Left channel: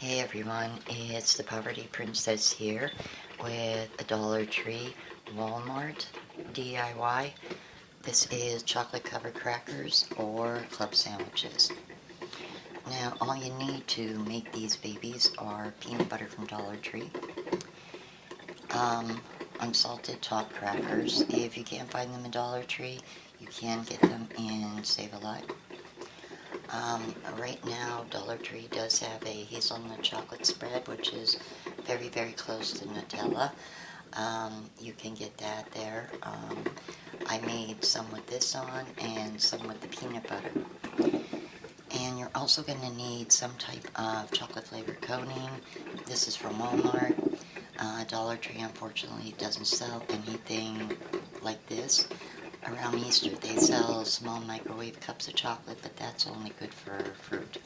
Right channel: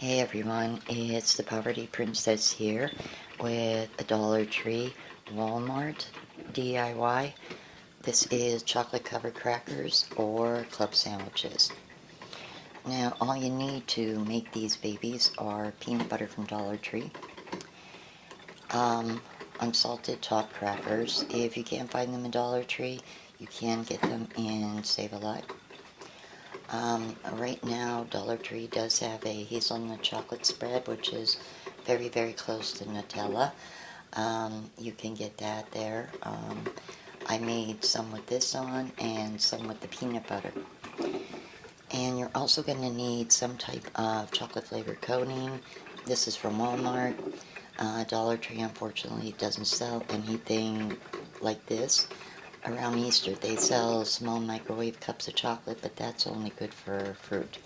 Hey everyone, it's the Poverty Princess here with a Dollar Tree Walmart DIY. This is chocolate covered crackers or club sandwiches. Now all you need to make these babies are peanut butter from Dollar Tree, unsalted top crackers. If you can't find them in Dollar Tree, you can get them in Save-A-Lot. Right now, Dollar Tree does have a hazelnut chocolate spread, which is very, very close to Nutella. You can get that there. I made some with this on and some with the peanut butter. And you're also going to need some type of chocolate flavored coating. This is from Walmart. Dollar Tree, unfortunately, doesn't sell anything like this. Around Easter, they sell small microwave cups of chocolate, but that's only good for fruit.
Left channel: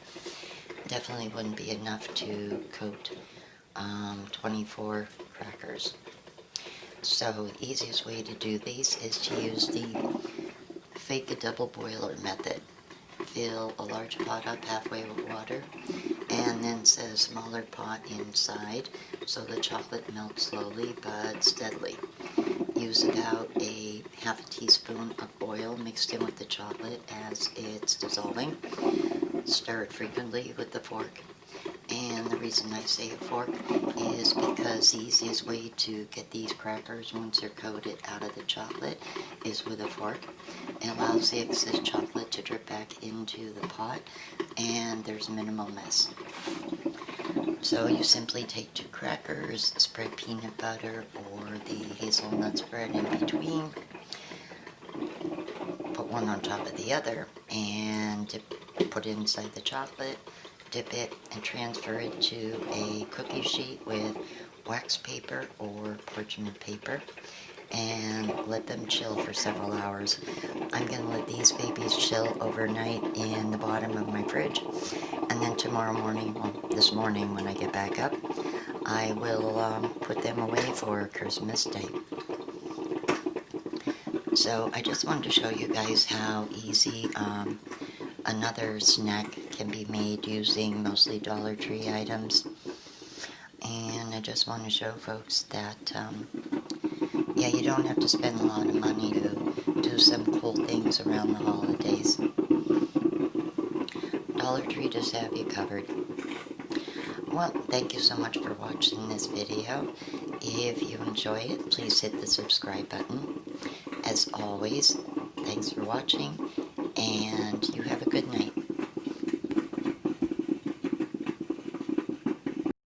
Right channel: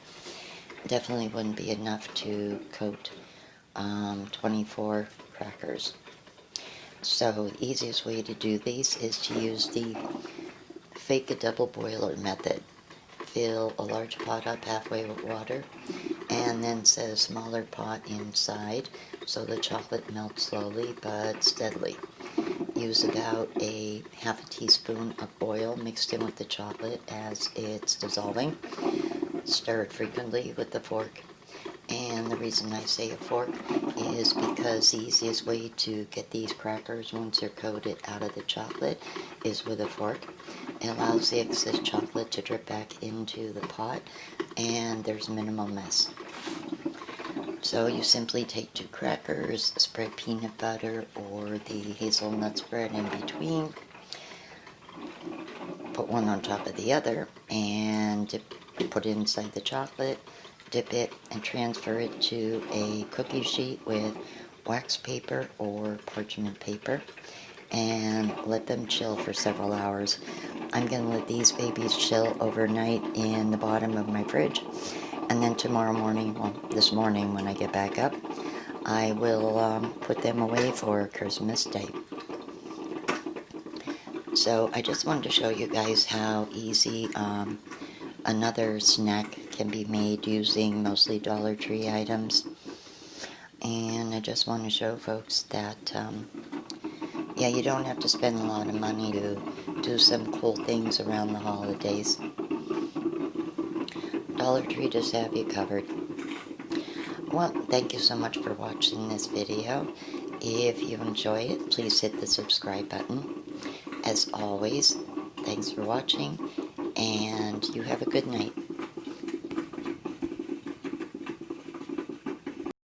Definitely wouldn't be enough to coat 24 crackers. So the easiest way to do these is to use the fake a double boiler method. Fill a large pot up halfway with water, and then set a smaller pot inside so the chocolate melts slowly but steadily. Use about a half a teaspoon of oil mixed in with the chocolate as it's dissolving. Stir it frequently with the fork. And the reason I say a fork is because the easiest way to get these crackers once they're coated out of the chocolate is with a fork. It allows the excess chocolate to drip back into the pot, and there's minimal mess. So you simply take 2 crackers, spread peanut butter or the hazelnut spread in between, put one on top of the other, and put it inside the chocolate, dip it, and transfer it to a cookie sheet with wax paper or parchment paper, and let them chill for several hours. I'm going to let these babies chill overnight in the bottom of my fridge, and then tomorrow morning, well, this morning when I get back up, I will put them away for Christmas Day. So I just wanted to show you guys how easy another snack can be made using mostly Dollar Tree items. And I just want to show folks that yeah, you don't have to spend a lot of money to do some cool things around the holidays. Dollar Tree does have you covered. Well, thank you so much for watching this video. If you enjoy it, please hit the subscribe button. As always, thanks for watching, and you have a good night.